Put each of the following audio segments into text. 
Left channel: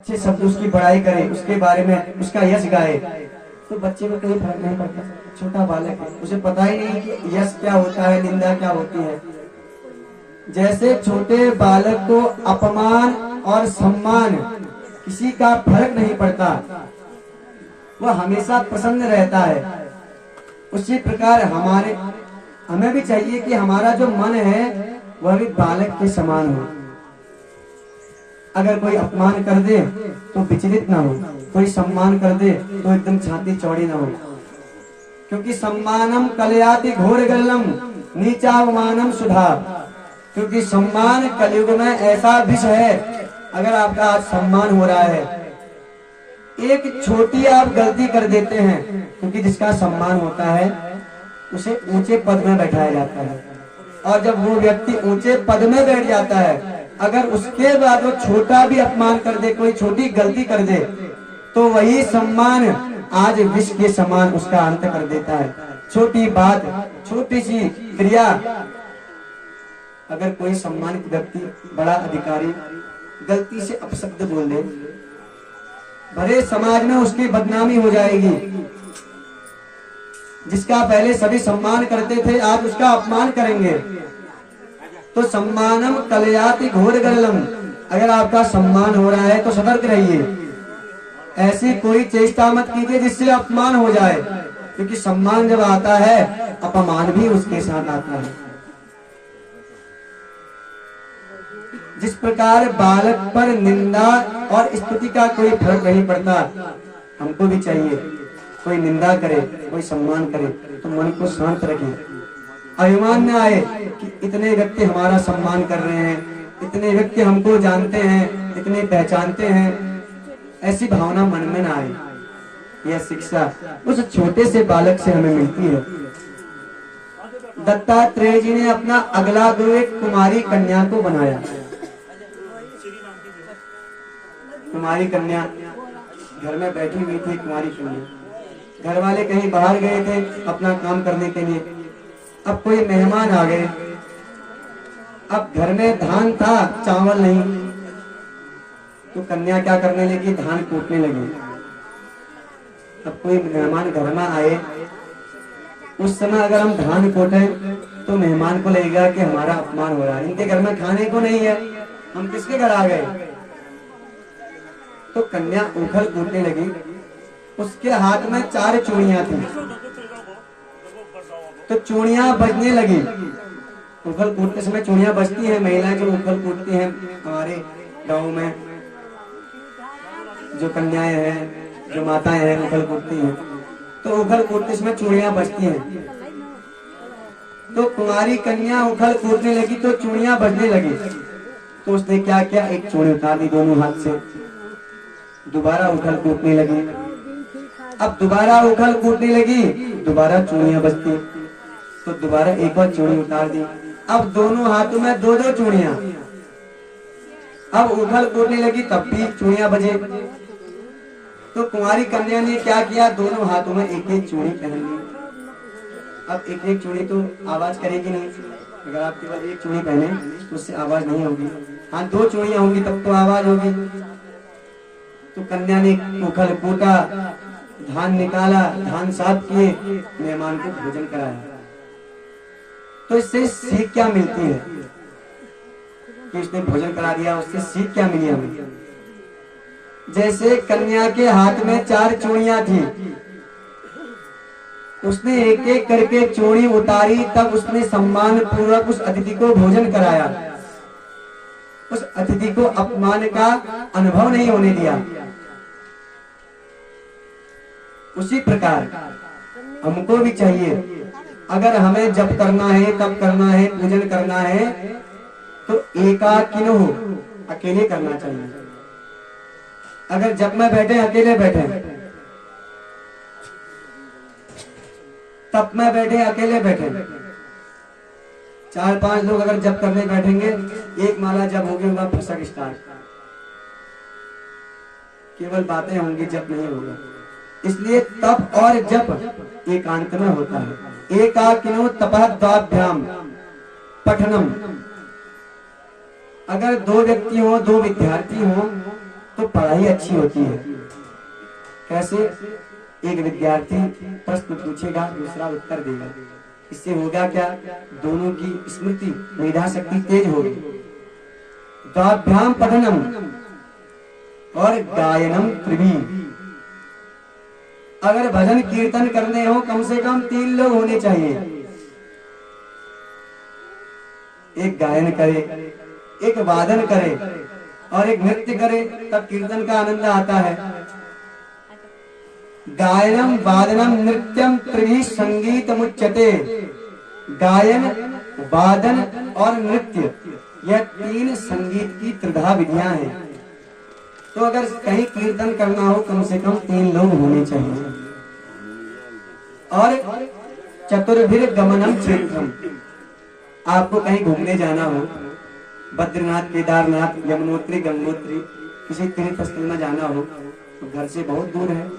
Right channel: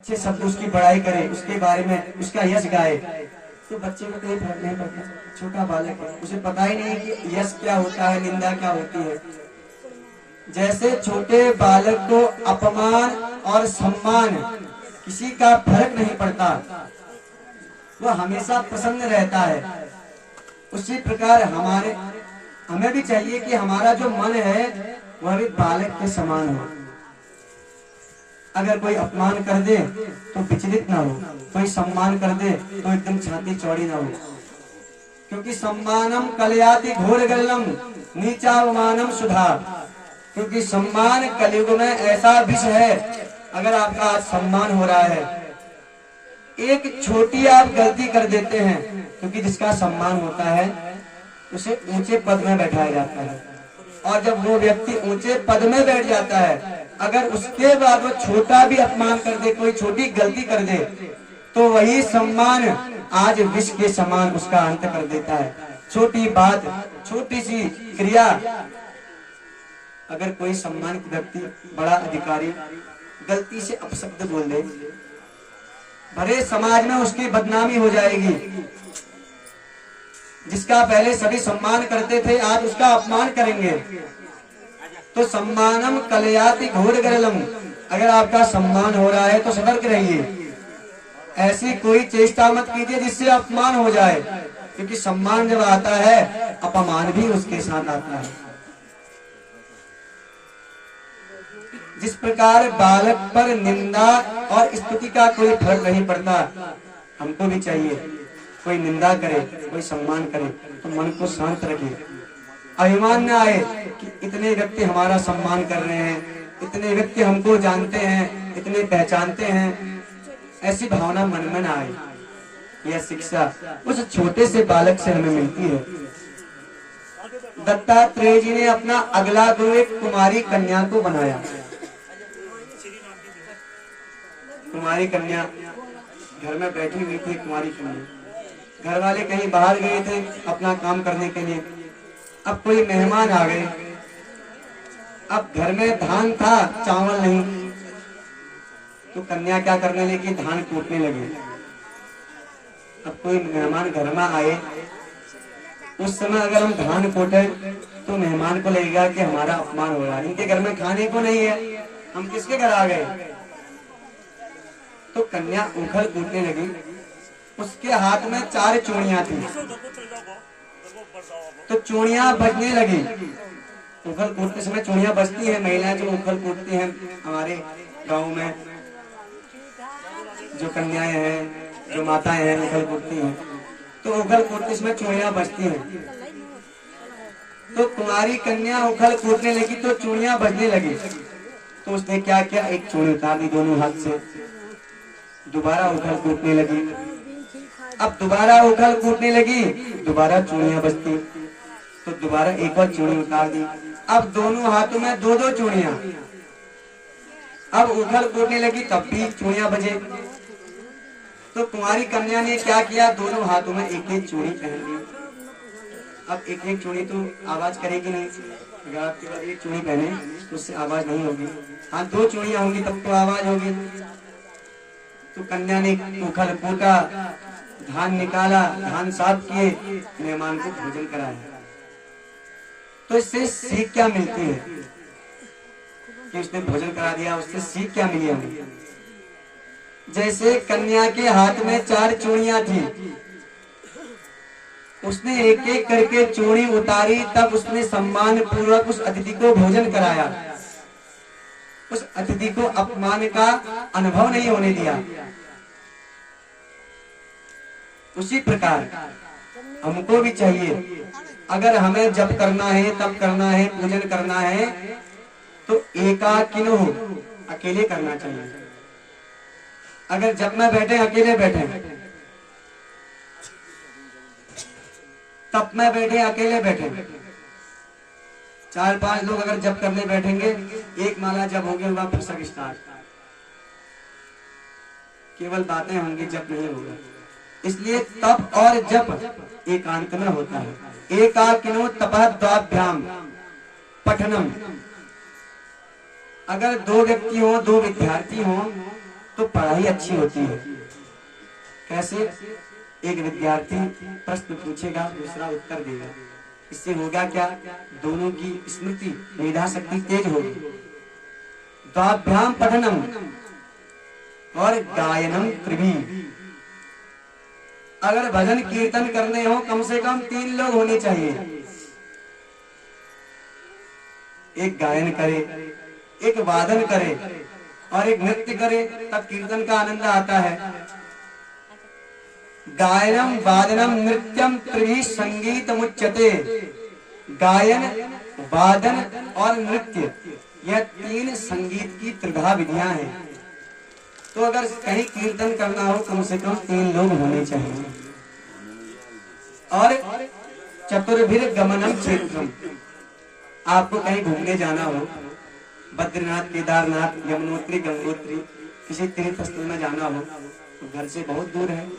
अच्छे शब्द उसकी बड़ाई करे, उसके बारे में उसका यश गाए, तो बच्चे को कोई फर्क नहीं पड़ता। छोटा बालक है, उसे पता ही नहीं कि यश क्या होता है, निंदा क्या होती है। जैसे छोटे बालक को अपमान और सम्मान किसी का फर्क नहीं पड़ता, वह हमेशा प्रसन्न रहता है। उसी प्रकार हमें भी चाहिए कि हमारा जो मन है वह भी बालक के समान हो। अगर कोई अपमान कर दे तो विचलित ना हो, कोई सम्मान कर दे तो एकदम छाती चौड़ी ना हो, क्योंकि सम्मानम कलयाति घोर गलम नीचावमानम सुधा। क्योंकि सम्मान कलयुग में ऐसा विष है, अगर आपका आज सम्मान हो रहा है, एक छोटी आप गलती कर देते हैं, क्योंकि जिसका सम्मान होता है उसे ऊंचे पद में बैठाया जाता है, और जब वो व्यक्ति ऊंचे पद में बैठ जाता है, अगर उसके बाद वो छोटा भी अपमान कर दे, कोई छोटी गलती कर दे, तो वही सम्मान आज विष के समान उसका अंत कर देता है। छोटी बात, छोटी सी क्रिया, अगर कोई सम्मानित व्यक्ति, बड़ा अधिकारी गलती से अपशब्द बोल दे, भले समाज में उसकी बदनामी हो जाएगी। जिसका पहले सभी सम्मान करते थे, आज उसका अपमान करेंगे। तो सम्मानम कलयाति घोर गलम, अगर आपका सम्मान हो रहा है तो सतर्क रहिए, ऐसी कोई चेष्टा मत कीजिए जिससे अपमान हो जाए, क्योंकि सम्मान जब आता है अपमान भी उसके साथ आता है। जिस प्रकार बालक पर निंदा और स्तुति का कोई फर्क नहीं पड़ता, हमको भी चाहिए कोई निंदा करे, कोई सम्मान करे तो मन को शांत रखें, अभिमान न आए कि इतने व्यक्ति हमारा सम्मान कर रहे हैं, इतने व्यक्ति हमको जानते हैं, इतने पहचानते हैं, ऐसी भावना मन में न आए। यह शिक्षा उस छोटे से बालक से हमें मिलती है। दत्तात्रेय जी ने अपना अगला गुरु एक कुमारी कन्या को बनाया। कुमारी कन्या घर में बैठी हुई थी। कुमारी कन्या, घर वाले कहीं बाहर गए थे अपना काम करने के लिए, अब कोई मेहमान आ गए। अब घर में धान था, चावल नहीं, तो कन्या क्या करने लगी, धान कूटने लगी। अब कोई मेहमान घर में आए, उस समय अगर हम धान कूटे तो मेहमान को लगेगा कि हमारा अपमान हो रहा है, इनके घर में खाने को नहीं है, हम किसके घर आ गए। तो कन्या उखल कूटने लगी, उसके हाथ में 4 चूड़ियां थी, तो चूड़ियां बजने लगी। उखल कूटते समय चूड़ियां बजती हैं, महिलाएं जो उखल कूटती हैं हमारे गांव में, जो कन्याएं हैं, जो माताएं हैं, उखल कूटती हैं, तो उखल कूटते समय चूड़ियां बजती हैं। तो कुमारी कन्या उखल कूटने लगी तो चूड़ियां बजने लगी, तो उसने क्या किया, एक चूड़ी उतार दी दोनों हाथ से, दोबारा उखल कूटने लगी। अब दोबारा उखल कूटने लगी, दोबारा चूड़ियां बजती, तो दोबारा एक बार चूड़ी उतार दी। अब दोनों हाथों में 2-2 चूड़ियां। अब उखल कूटने लगी, तब भी चूड़ियां बजे। तो कुंवारी कन्या ने क्या किया, दोनों हाथों में एक एक चूड़ी पहन ली। अब एक एक चूड़ी तो आवाज करेगी नहीं, अगर आप केवल एक चूड़ी पहने तो उससे आवाज नहीं होगी। हाँ, 2 चूड़ियां होंगी तब तो आवाज होगी। तो कन्या ने उखल कूटा, धान निकाला, धान साफ किए, मेहमान को भोजन कराया। तो इससे सीख क्या मिलती है कि उसने भोजन करा दिया, उससे सीख क्या मिली हमें। जैसे कन्या के हाथ में 4 चूड़ियां थी, उसने एक एक करके चूड़ी उतारी, तब उसने सम्मान पूर्वक उस अतिथि को भोजन कराया, उस अतिथि को अपमान का अनुभव नहीं होने दिया। उसी प्रकार हमको भी चाहिए, अगर हमें जप करना है, तप करना है, पूजन करना है, तो एकाकिनो अकेले करना चाहिए। अगर जप में बैठे अकेले बैठे, तप में बैठे अकेले बैठे, 4-5 लोग अगर जप करने बैठेंगे, एक माला जप होगी, वह फसक स्टार्ट, केवल बातें होंगी, जप नहीं होगा। इसलिए तप और जप एकांत में होता है। एकाकिनो तपः द्वाभ्याम पठनम। अगर 2 व्यक्ति हो, 2 विद्यार्थी हो, तो पढ़ाई अच्छी होती है। कैसे? एक विद्यार्थी प्रश्न पूछेगा, दूसरा उत्तर देगा, इससे होगा क्या? दोनों की स्मृति मेधा शक्ति तेज होगी। द्वाभ्याम पठनम और गायनम त्रिभी। अगर भजन कीर्तन करने हो कम से कम 3 लोग होने चाहिए। एक गायन करे, एक वादन करे और एक नृत्य करे, तब कीर्तन का आनंद आता है। गायनम वादनम नृत्यम त्रिभी संगीतमुच्यते। गायन, वादन और नृत्य, यह 3 संगीत की त्रिधा विधियां हैं। तो अगर कहीं कीर्तन करना हो कम से कम 3 लोग होने चाहिए। और चतुर्भिर गमनम क्षेत्रम। आपको कहीं घूमने जाना हो, बद्रीनाथ, केदारनाथ, यमुनोत्री, गंगोत्री, किसी तीर्थ स्थल में जाना हो, तो घर से बहुत दूर है,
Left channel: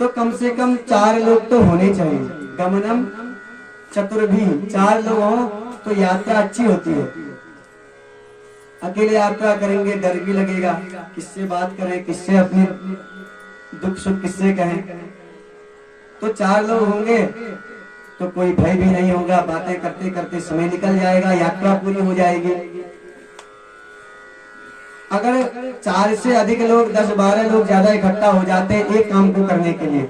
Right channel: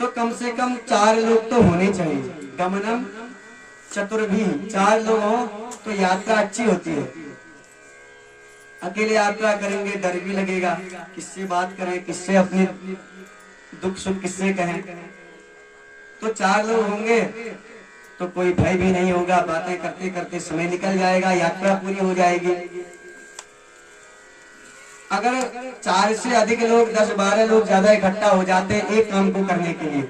तो कम से कम 4 लोग तो होने चाहिए। गमनम चतुर्भी, 4 लोग हो तो यात्रा अच्छी होती है। अकेले यात्रा करेंगे डर भी लगेगा, किससे बात करें, किससे अपने दुख सुख किससे कहें। तो 4 लोग होंगे तो कोई भय भी नहीं होगा, बातें करते करते समय निकल जाएगा, यात्रा पूरी हो जाएगी। अगर 4 से अधिक लोग, 10-12 लोग ज्यादा इकट्ठा हो जाते हैं एक काम को करने के लिए,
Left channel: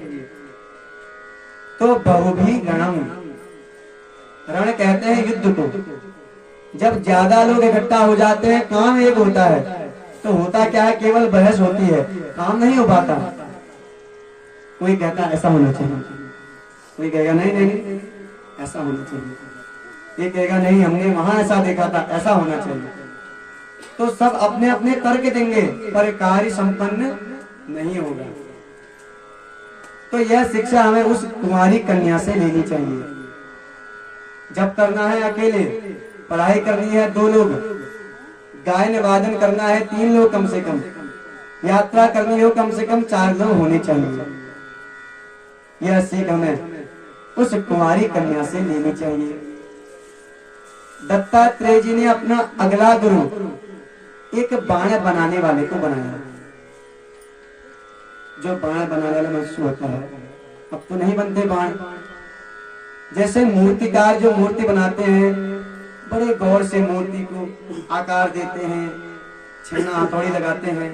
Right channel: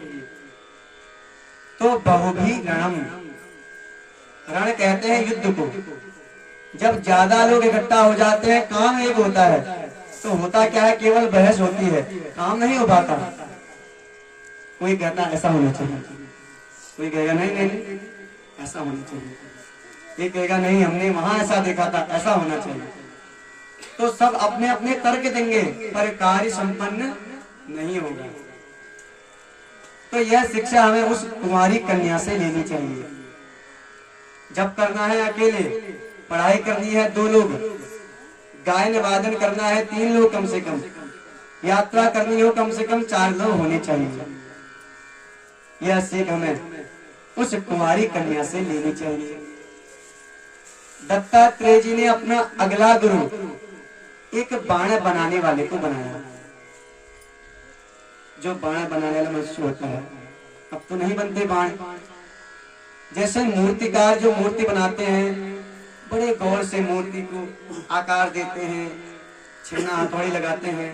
तो बहुभी रणम, रण कहते हैं युद्ध को। जब ज्यादा लोग इकट्ठा हो जाते हैं, काम एक होता है, तो होता क्या है? केवल बहस होती है, काम नहीं हो पाता। कोई कहता ऐसा होना चाहिए, कोई कहेगा नहीं नहीं नहीं ऐसा होना चाहिए, ये कहेगा नहीं हमने वहां ऐसा देखा था, ऐसा होना चाहिए। तो सब अपने अपने तर्क देंगे पर कार्य संपन्न नहीं होगा। तो यह शिक्षा हमें उस कुमारी कन्या से लेनी चाहिए। जब करना है अकेले, पढ़ाई करनी है 2 लोग, गायन वादन करना है 3 लोग कम से कम, यात्रा करनी हो कम से कम 4 लोग होने चाहिए। यह सीख हमें उस कुमारी कन्या से लेनी चाहिए। दत्तात्रेय जी ने अपना अगला गुरु एक बाण बनाने वाले को बनाया। जो बाण बनाने वाला मनुष्य होता है, अब तो नहीं बनते बाण। जैसे मूर्तिकार जो मूर्ति बनाते हैं, बड़े गौर से मूर्ति को आकार देते हैं, छन्ना हथौड़ी लगाते हैं,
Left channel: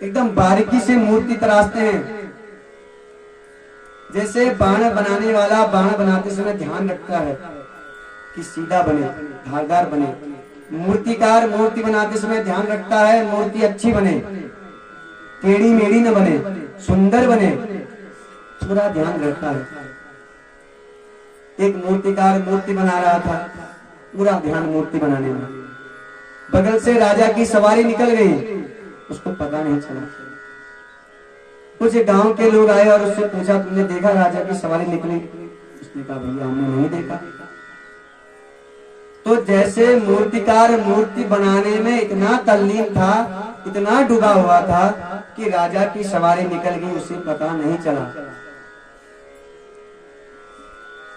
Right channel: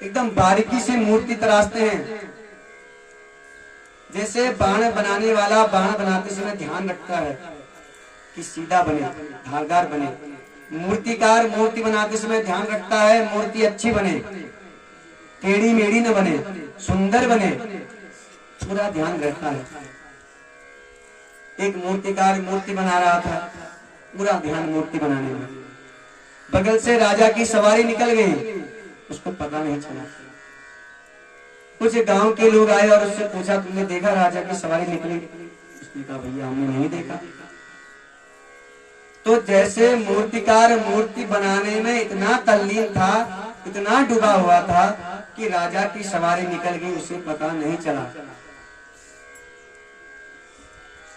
एकदम बारीकी से मूर्ति तराशते हैं। जैसे बाण बनाने वाला बाण बनाते समय ध्यान रखता है कि सीधा बने, धारदार बने, मूर्तिकार मूर्ति बनाते समय ध्यान रखता है मूर्ति अच्छी बने, टेढ़ी मेढ़ी न बने, सुंदर बने, पूरा ध्यान रखता है। एक मूर्तिकार मूर्ति बना रहा था, पूरा ध्यान मूर्ति बनाने में। बगल से राजा की सवारी निकल गई, उसको पता नहीं चला। कुछ गांव के लोग आए और उससे पूछा तुमने देखा राजा की सवारी निकली? उसने कहा भैया हमने नहीं देखा। तो जैसे मूर्तिकार मूर्ति बनाने में इतना तल्लीन था, इतना डूबा हुआ था कि राजा की सवारी निकल गई, उसे पता नहीं चला।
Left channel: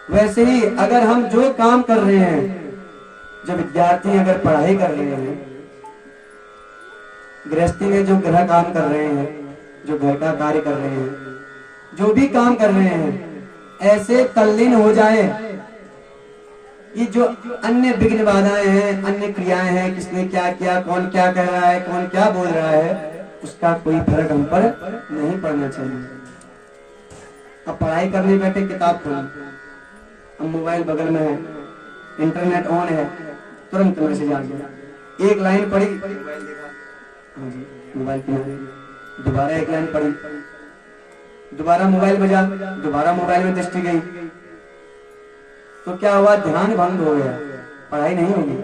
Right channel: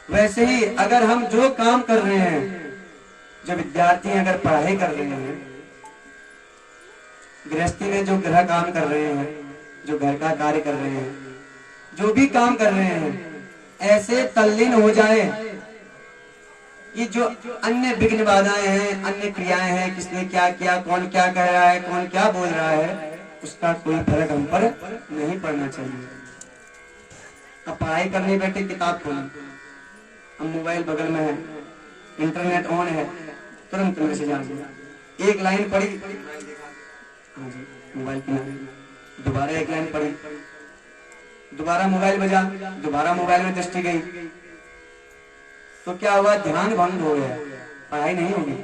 वैसे ही अगर हम जो काम कर रहे हैं, जो विद्यार्थी अगर पढ़ाई कर रहे हैं, गृहस्थी में जो गृह काम कर रहे हैं, जो घर का कार्य कर रहे हैं, जो भी काम कर रहे हैं, ऐसे तल्लीन हो जाए कि जो अन्य विघ्न बाधाएं हैं, अन्य क्रियाएं हैं, किसने क्या किया, कौन क्या कह रहा है, कौन क्या बोल रहा है, उसका कोई फर्क हम पर नहीं पड़ना चाहिए। अब पढ़ाई करने बैठे, किताब खोली, अब मोबाइल बगल में है, इंटरनेट ऑन है, तुरंत मैसेज आ गया, एक लाइन पढ़ी, हाँ जी मोबाइल की, दोबारा एक लाइन पढ़ी, दोबारा मोबाइल बजा, दोबारा मोबाइल में दृष्टि गई, तो क्या हुआ? ध्यान भंग हो गया, पढ़ाई नहीं होगी।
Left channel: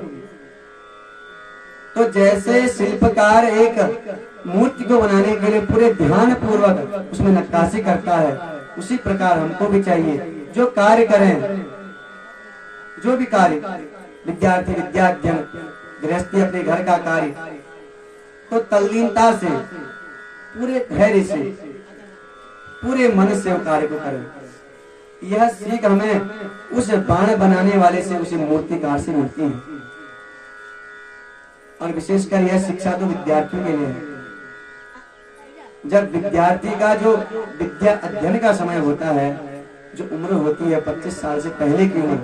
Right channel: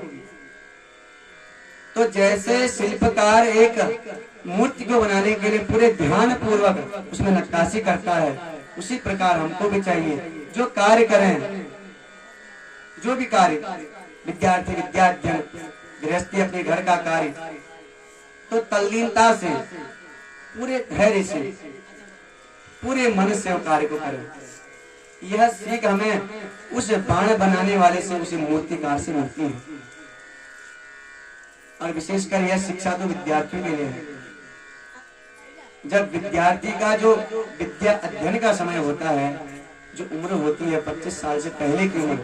तो जैसे शिल्पकार एक मूर्ति को बनाने के लिए पूरे ध्यान पूर्वक उसमें नक्काशी करता है, उसी प्रकार हमको भी चाहिए जो कार्य करें, जो भी कार्य, विद्यार्थी विद्याध्ययन, गृहस्थी अपने घर का कार्य, तो तल्लीनता से, पूरे धैर्य से, पूरे मन से कार्य को करें। यह सीख हमें उस बाण बनाने वाले से, उसी मूर्तिकार से मिलती है। और विशेषकर यह शिक्षा तो विद्यार्थियों के लिए है। जब विद्यार्थी का जो विद्या अध्ययन का समय होता है, जो उम्र होती है 25 साल से पहले की उम्र,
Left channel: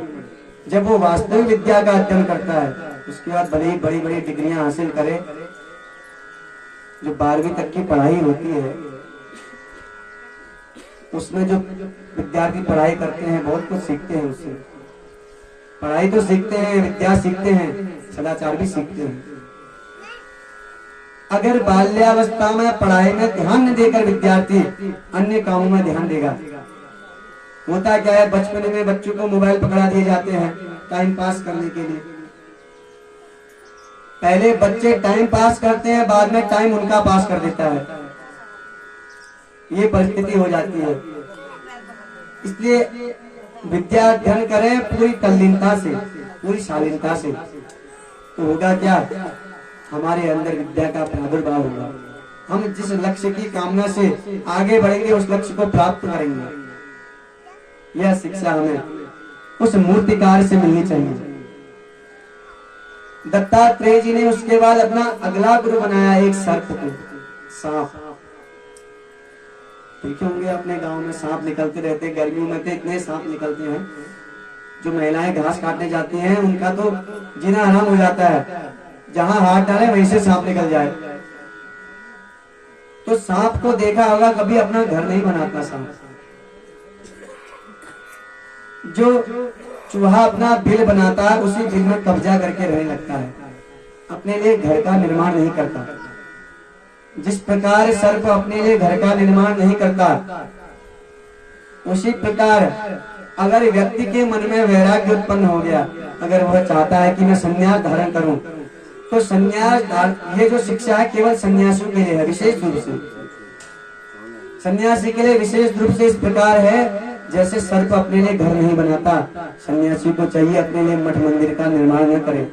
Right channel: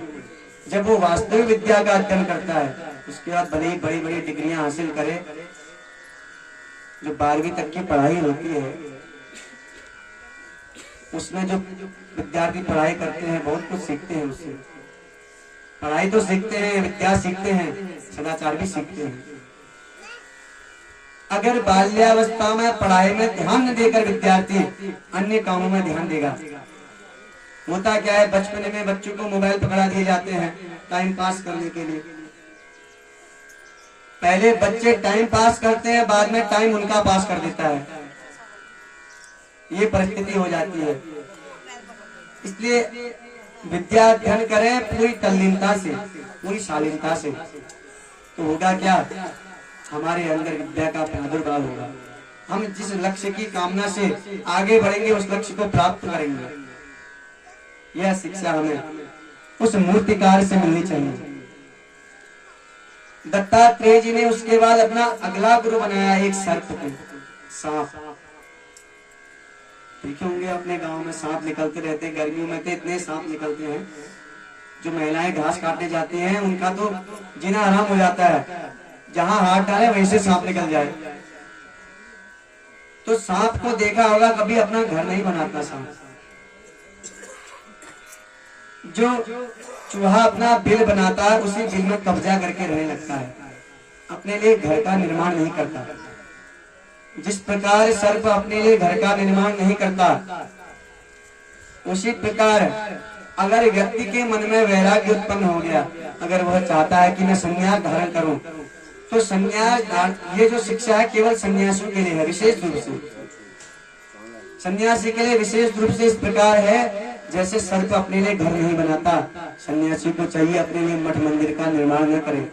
जब वो वास्तविक विद्या का अध्ययन करता है, उसके बाद बड़ी बड़ी बड़ी डिग्रियां हासिल करे, जो 12वीं तक की पढ़ाई होती है, उसमें जो विद्यार्थी पढ़ाई करते हैं बहुत कुछ सीखते हैं उससे। पढ़ाई तो सीखते हैं, विद्या सीखते हैं, सदाचार भी सीखते हैं। अगर बाल्यावस्था में पढ़ाई में ध्यान न देकर विद्यार्थी अन्य कामों में ध्यान देगा, होता क्या है, बचपन में बच्चों को मोबाइल पकड़ा दिए जाते हैं टाइम पास करने के लिए। पहले बच्चे टाइम पास करते हैं, बाद में टाइम उनका पास कर देता है, ये परिस्थिति हो जाती है। इसलिए विद्या अध्ययन करें पूरी तल्लीनता से, पूरी शालीनता से, तो होगा क्या, हमारे अंदर विद्या का प्रादुर्भाव होगा। हम जिस लक्ष्य की कामना से आगे बढ़ेंगे उस लक्ष्य को प्राप्त करेंगे। यह शिक्षा हमें उस मूर्तिकार से मिलनी चाहिए। दत्तात्रेय जी ने उसके बाद अपना अगला गुरु बनाया एक सर्प को, सांप। देखे होंगे अपने गांव में सांप निकलते रहते, गर्मियों में तो इतने सांप निकलते हैं, जो महिलाएं घास काटने जाती हैं उनका तो जीना हराम हो जाता है, जहां हाथ डाले वहीं से सांप निकल जाए। तो सांप को देखा होगा, कभी अपना घर नहीं बनाता सांप। जो चूहा अपना बिल बनाता है, उसी बिल में कब्जा करके रहने लगता है, अपने लिए घर का निर्माण नहीं करता। जिस प्रकार सर्प अपने लिए घर का निर्माण नहीं करता, उसी प्रकार अगर व्यक्ति के मन में वैराग्य उत्पन्न हो गया, अगर वह चाहता है कि मैं संन्यास धारण करूं, तो संन्यास, ये जो शिक्षा है केवल सन्यासियों के लिए है, विशेष रूप से सन्यासी के लिए विशेष रूप से इस प्रकार है, जैसे सर्प अपने लिए घर नहीं बनाता, सन्यासी को चाहिए अपने लिए मठ मंदिर का निर्माण न करे,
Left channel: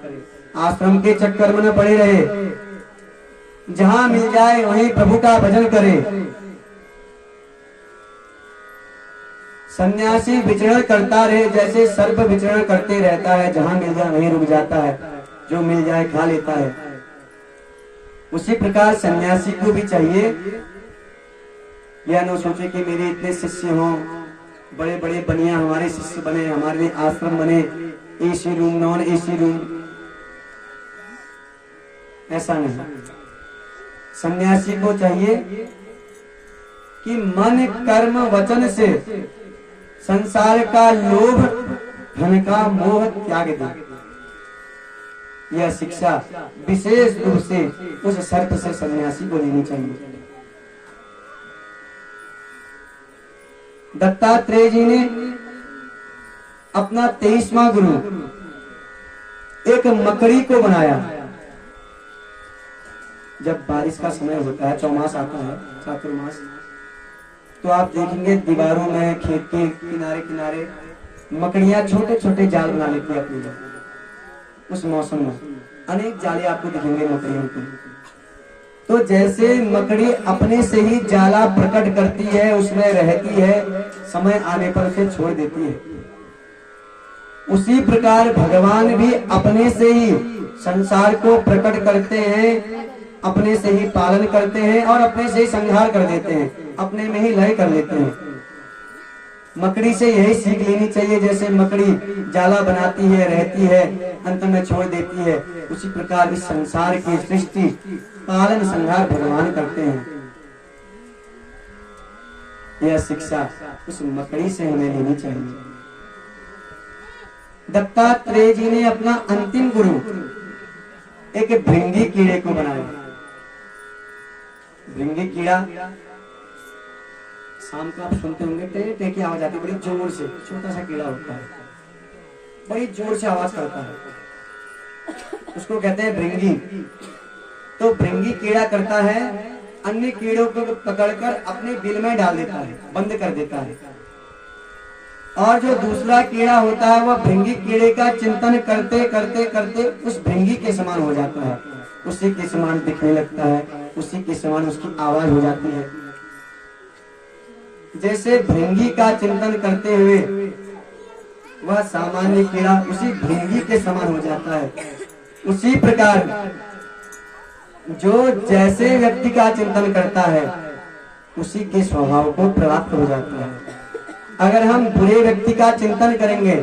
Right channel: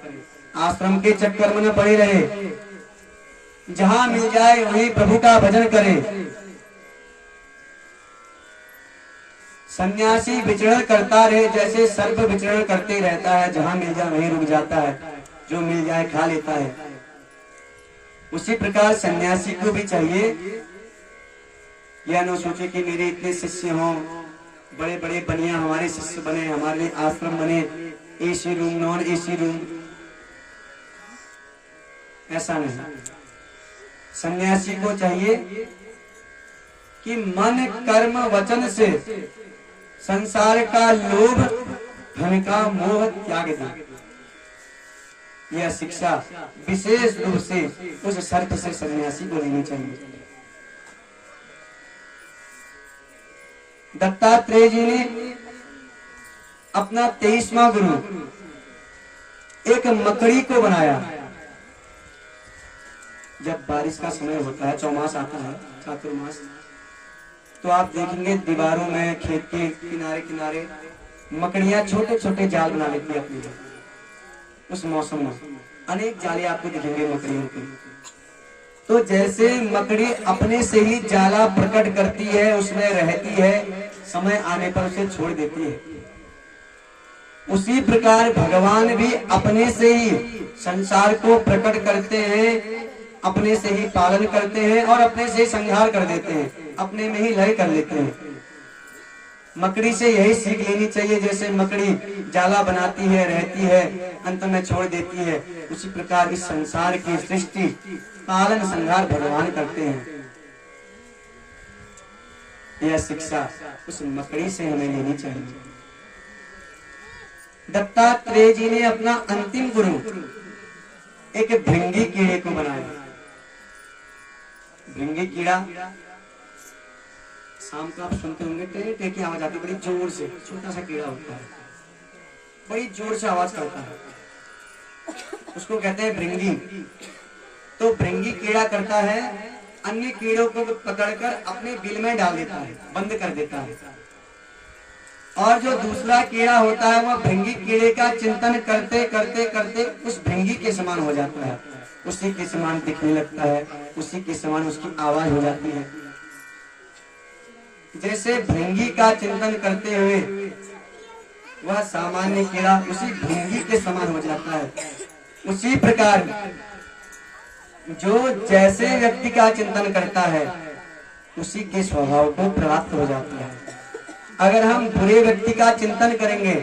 आश्रम के चक्कर में न पड़े रहे, जहां मिल जाए वहीं प्रभु का भजन करे। सन्यासी विचरण करता रहे, जैसे सर्प विचरण करते रहता है, जहां मिल जाए वहीं रुक जाता है, जो मिल जाए खा लेता है। उसी प्रकार सन्यासी को भी चाहिए यह न सोचे कि मेरे इतने शिष्य हों, बड़े बड़े बनिया हमारे शिष्य बने, हमारे आश्रम बने, AC room, non AC room, ऐसा नहीं। सन्यासी को चाहिए कि मन कर्म वचन से संसार का लोभ, धन का मोह त्याग दे। यह शिक्षा विशेष रूप से उस सर्प से सन्यासी को लेनी चाहिए। दत्तात्रेय जी ने अपना 23वां गुरु एक मकड़ी को बनाया। जब बारिश का समय होता है, चौमास आता है, चातुर्मास, तो आप देखेंगे दीवारों में, खेत के किनारे किनारे मकड़ियां छोटे छोटे जाल बना लेती है अपनी। उस मौसम में अनेक जाले आपको दिखेंगे मकड़ियों के। तो जैसे मकड़ी अपने से ही जाला प्रकट करती है, उसमें रहती है, समय आने पर उसे छोड़ देती है, उसी प्रकार भगवान भी अपने से ही संसार को प्रकट करते हैं, अपने से ही पालन करते हैं और अपने से ही संहार कर देते हैं, अपने में ही लय कर लेते हैं। मकड़ी से यही सीख लेनी चाहिए, जैसे मकड़ी जाला बनाती है, रहती है, अंत में छोड़ देती है, उसी प्रकार इस संसार की सृष्टि पालन संहार भगवान करते हैं। यह शिक्षा उस मकड़ी से हमें लेनी चाहिए। दत्तात्रेय जी ने अपना अंतिम गुरु एक भृंगी कीड़े को बनाया। भृंगी कीड़ा, शाम को आप सुनते होंगे टे टे की आवाज आती है, बड़ी जोर से, छोटा सा कीड़ा होता है, बड़ी जोर से आवाज करता है, उसको कहते हैं भृंगी। तो भृंगी कीड़ा करता है, अन्य कीड़ों को पकड़कर अपने बिल में डाल देता है, बंद कर देता है, और जो दूसरा कीड़ा होता है वह भृंगी कीड़े का चिंतन करते करते करते उस भृंगी के समान हो जाता है, उसी के समान दिखने लगता है, उसी के समान उसकी आवाज हो जाती है। जैसे भृंगी का चिंतन करते हुए वह सामान्य कीड़ा उसी भृंगी के समान हो जाता है, उसी प्रकार जो जैसे व्यक्ति का चिंतन करता है उसी के स्वभाव को प्राप्त हो जाता है। अगर हम बुरे व्यक्ति का चिंतन करेंगे,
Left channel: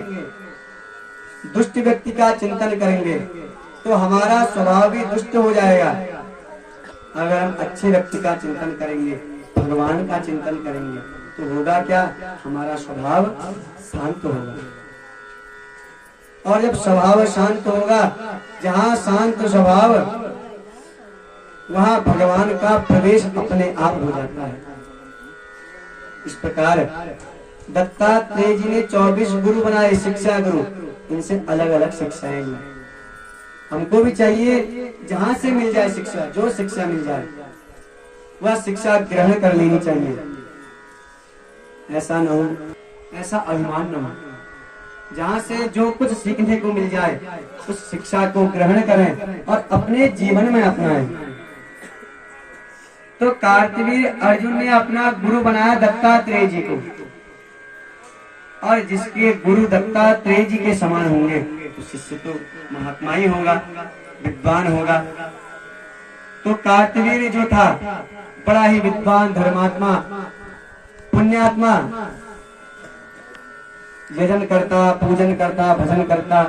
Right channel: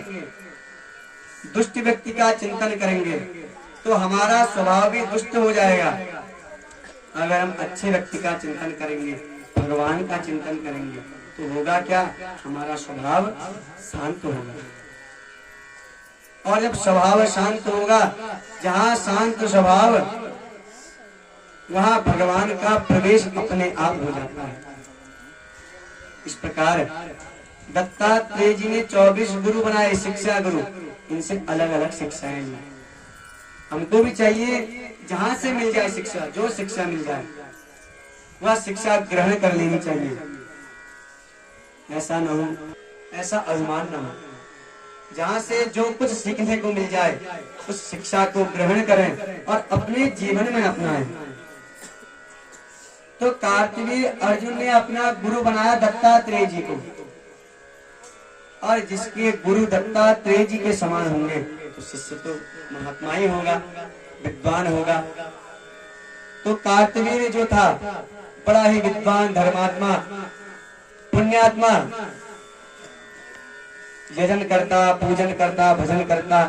दुष्ट व्यक्ति का चिंतन करेंगे, तो हमारा स्वभाव भी दुष्ट हो जाएगा। अगर हम अच्छे व्यक्ति का चिंतन करेंगे, भगवान का चिंतन करेंगे, तो होगा क्या, हमारा स्वभाव शांत होगा। और जब स्वभाव शांत होगा, जहाँ शांत स्वभाव, वहाँ भगवान का प्रवेश अपने आप हो जाता है। इस प्रकार दत्तात्रेय जी ने 24 गुरु बनाए, शिक्षा गुरु। इनसे अलग अलग शिक्षाएं ली। हमको भी चाहिए जहां से मिल जाए शिक्षा, जो शिक्षा मिल जाए वह शिक्षा ग्रहण कर लेनी चाहिए। ऐसा न हो, ऐसा अभिमान न हो। जहां से जो कुछ सीखने को मिल जाए उस शिक्षा को ग्रहण करें और अपने जीवन में अपनाएं। तो कार्तवीर्य अर्जुन ने अपना गुरु बनाया दत्तात्रेय जी को, और जिसके गुरु दत्तात्रेय जी के समान होंगे तो शिष्य तो महात्मा ही होगा, विद्वान होगा। तो कार्तवीर्य जो था बड़ा ही विद्वान, धर्मात्मा, पुण्यात्मा, यजन करता, पूजन करता, भजन करता,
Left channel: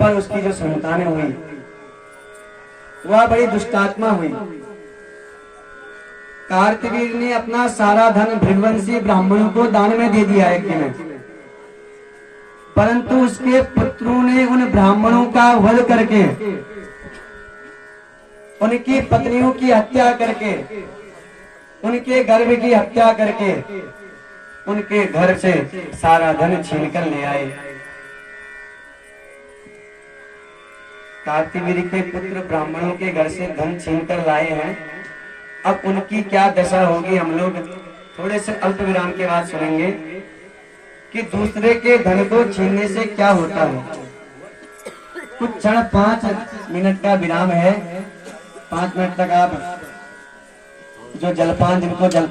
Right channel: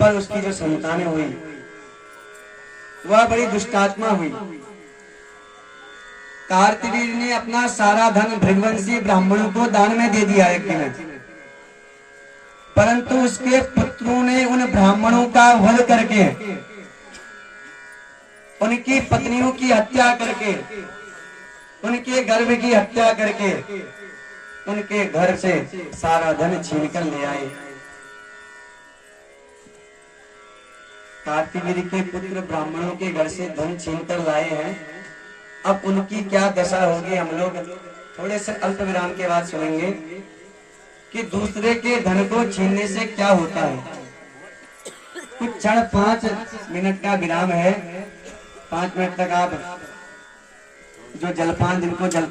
पर उसकी जो संतानें हुई वह बड़ी दुष्टात्मा हुई। कार्तवीर्य ने अपना सारा धन भृगुवंशी ब्राह्मणों को दान में दे दिया यज्ञ में, परंतु उसके पुत्रों ने उन ब्राह्मणों का वध करके, उनकी पत्नियों की हत्या करके, उनके गर्भ की हत्या करके, उनके घर से सारा धन छीन कर ले आए। कार्तवीर्य के पुत्र ब्राह्मणों के घर से धन छीन कर लाए हैं। अब उनकी क्या दशा होगी, हम लोग थोड़े से अल्प विराम के बाद सुनेंगे कि दूसरे के धन को छीनने से क्या होता है। कुछ क्षण 5 मिनट का विराम है। 5 मिनट तक आप जो जलपान, जिनको जल